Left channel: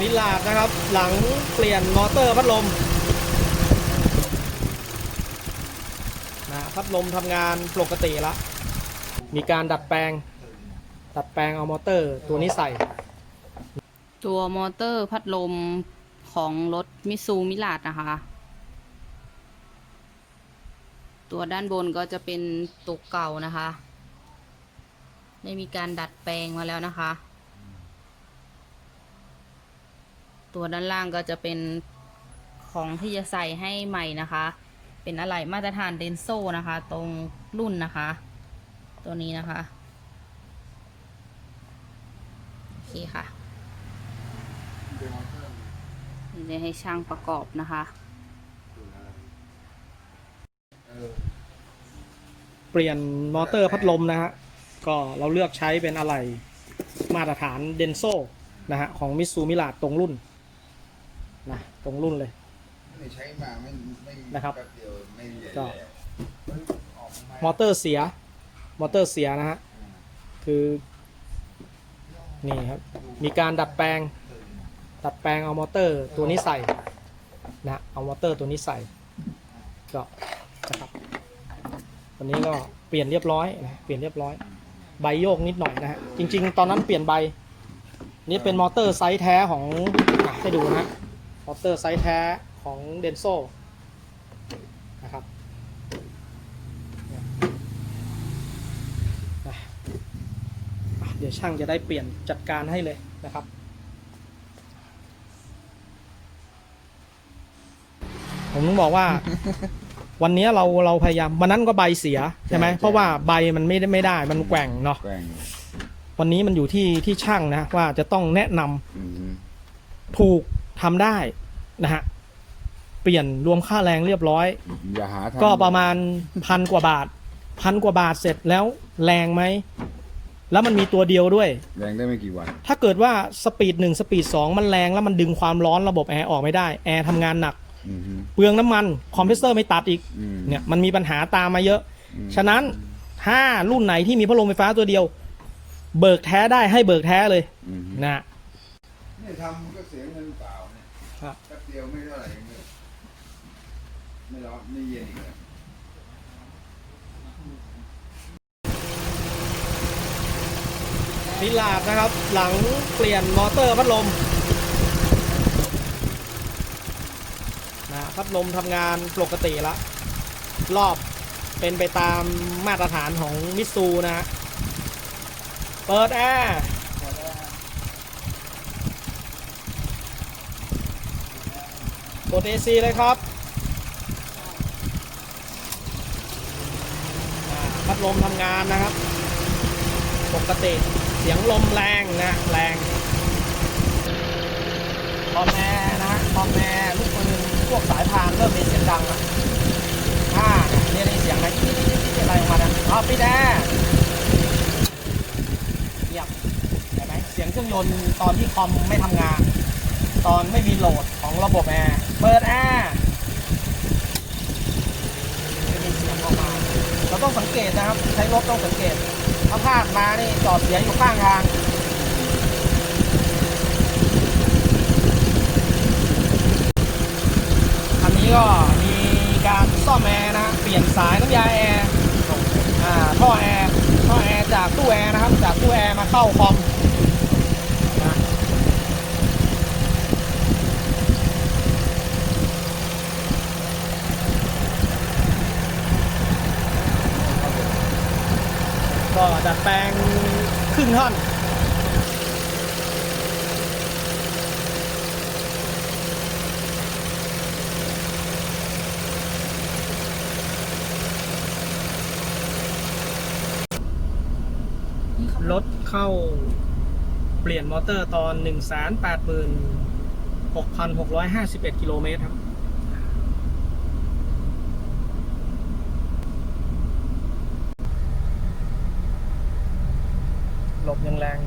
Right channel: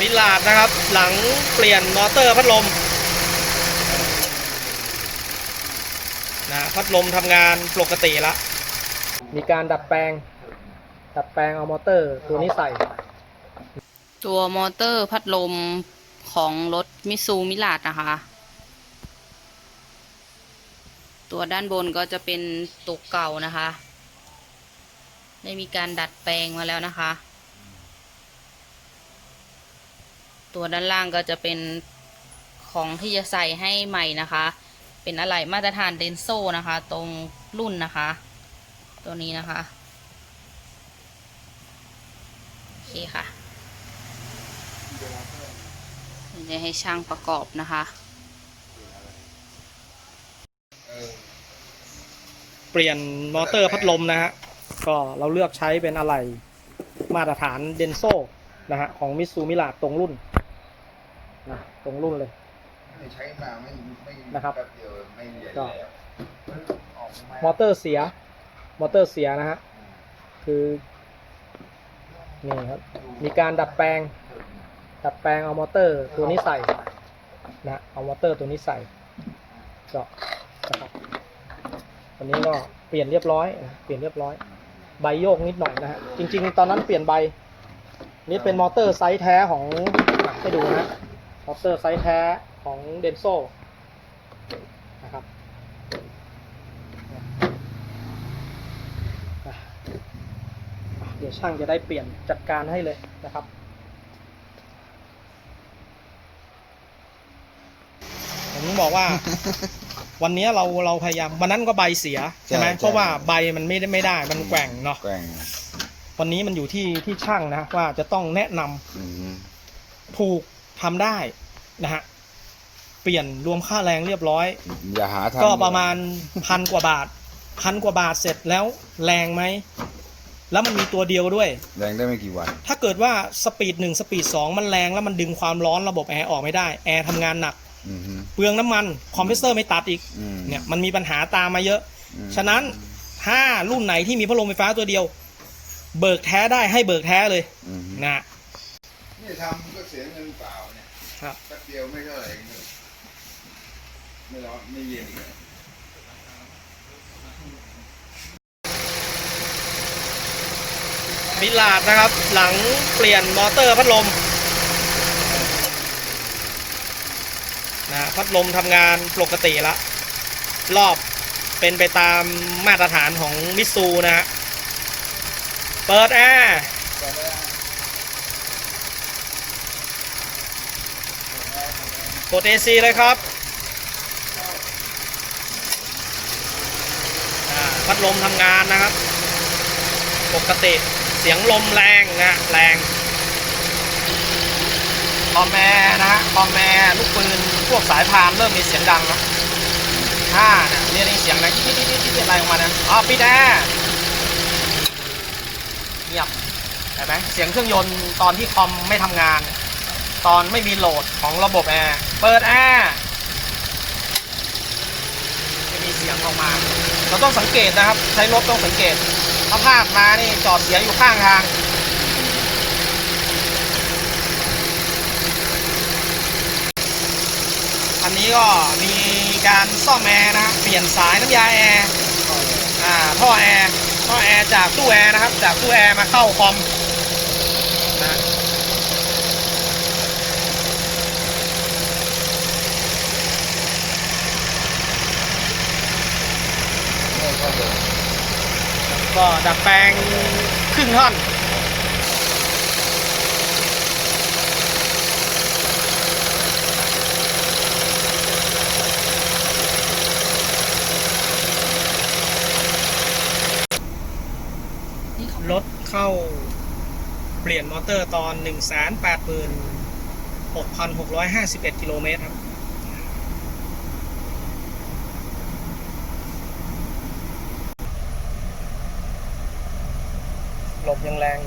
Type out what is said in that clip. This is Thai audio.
มิลาดนะครับ หลังเปลี่ยนมอเตอร์พัดลมนะพัดลมทำงานปกติละมีการดัดแปลง ดัดแปลงเอามอเตอร์ตัวนี้ใส่ ตัวมอเตอร์พัดลมของรถมิซูมิลาดนะคะ ตัวด้านบนก็จะเป็นตัวเก่านะคะ ได้มีการดัดแปลงมาแล้วนะคะ ตัวด้านล่างก็จะเป็นของที่จะใส่ให้ใหม่นะคะ เป็นอะไหล่มาตรฐานเดนโซนะคะ ตรงรุ่นนะคะ ตัวนี้นะคะโอเคค่ะเดี๋ยวให้ช่างประกอบนะคะเปลี่ยนมอเตอร์พัดลมนะฮะ ก็เราเลือกใช้เป็นอะไหล่มาตรฐานเดนโซนะฮะ ของมิซูมิลาดตรงรุ่น นะตรงรุ่นเลย ไม่ใช้มาไม่ไม่นะครับ แป๊บเดียวไม่เหลือก็แล้วออกมามอเตอร์เสีย มอเตอร์เสียนะฮะ คือ นี่ครับ มีการดัดแปลง ดัดแปลงเอามอเตอร์ตัวนี้ใส่นะ เอามอเตอร์ตัวนี้ใส่ก็นะครับวันนี้ก็เปลี่ยนเรียบร้อยนะ เปลี่ยนเรียบร้อย ใบโยกนิดหน่อยนะฮะ จริง ๆ ตอนนั้นเปลี่ยนใบ นี่เป็นมอเตอร์ไซส์แท้ของอะให้ดูนะฮะม อเตอร์ไซส์แท้ของเดนโซนะครับอะเดี๋ยวช่างจะได้เปลี่ยนจัดการให้เลยนะครับผมบอกว่า วันนี้เราเราพยายามวันนั้นก็ใบเสียใช่ไหมเพราะว่าใบมันไม่ได้ไม่ได้มันแกว่งเนาะแกว่งวันนี้มันอยู่ที่ที่ช่างนะว่าจะต้องแนะนำอืมถูกทำได้ นะฮะเปลี่ยนรวมค่าแรงเรียบร้อย อย่าหาทำก็ประมาณพันกว่าบาทพันกว่าบาทเสร็จแล้วแรงไหม แล้วมันมีตัวเดียวด้วย แรงได้ไม่กี่วัน ถ้าเกิดว่าสปีดหนึ่งสปีดสองมันแรงแล้วมันดึงความร้อนระบบแอร์ออกไม่ได้ แอร์ทำงานหนัก อืมเปลืองน้ำมันคอมเพรสเซอร์ไม่ตัดอีกอืม เนี่ยมันมีปัญหาตามมาเยอะ อืมฉะนั้นถ้ารุ่นไหนที่มีพัดลมไฟฟ้าตัวเดียว เบิกแท้ได้ให้เบิกแท้เลยอืมนะ เนี่ยทำก็เสียเงินเปล่าเนี่ยครับ แป๊บเดียวไม่เท่าไหร่เองเนี่ยไม่ร้อนไม่เย็นอีกแล้ว มิลาดนะครับ หลังเปลี่ยนมอเตอร์พัดลมนะพัดลมทำงานปกติละ รอบเป็นไปตามมาตรฐานของมิตซูนะฮะเปิดแอร์ กด AC เลยครับอ่าพัดลมทำงานนะครับ ปกติเสียงลมแรงนะแรงคอมแมร์นะคอมแมร์ลูกปืนพวกสายพานเริ่มมีเสียงดังแล้วถ้าเนี่ยเรียกได้เสียงนะที่ที่ที่ที่อะไรออกมาเนี่ยอ๋อปิดแอร์เงียบเห็นไหมเสียงเครื่องยนต์ตอนที่คอมไม่ทำงาน ตอนไม่มีโหลดของระบบแอร์เปิดแอร์ไม่มีเสียงออกมา เราต้องสังเกตนะครับ ใช้รถต้องสังเกตถ้าพลาดมานี่จอดเสียอยู่ข้างทางอันนี้ก็มีการซ่อมแอร์นะฮะเปลี่ยนสายน้ำยาแอร์อ่าท่อแอร์ท่อแอร์จากตู้แอร์นะครับ จากตู้แอร์มาเข้าคอม ก็ดัดแปลงครึ่งท่อนรถเข้าเปลี่ยนมอเตอร์ตอน 1 8 6 6 5 1 กิโลเมตรครับ dân lan.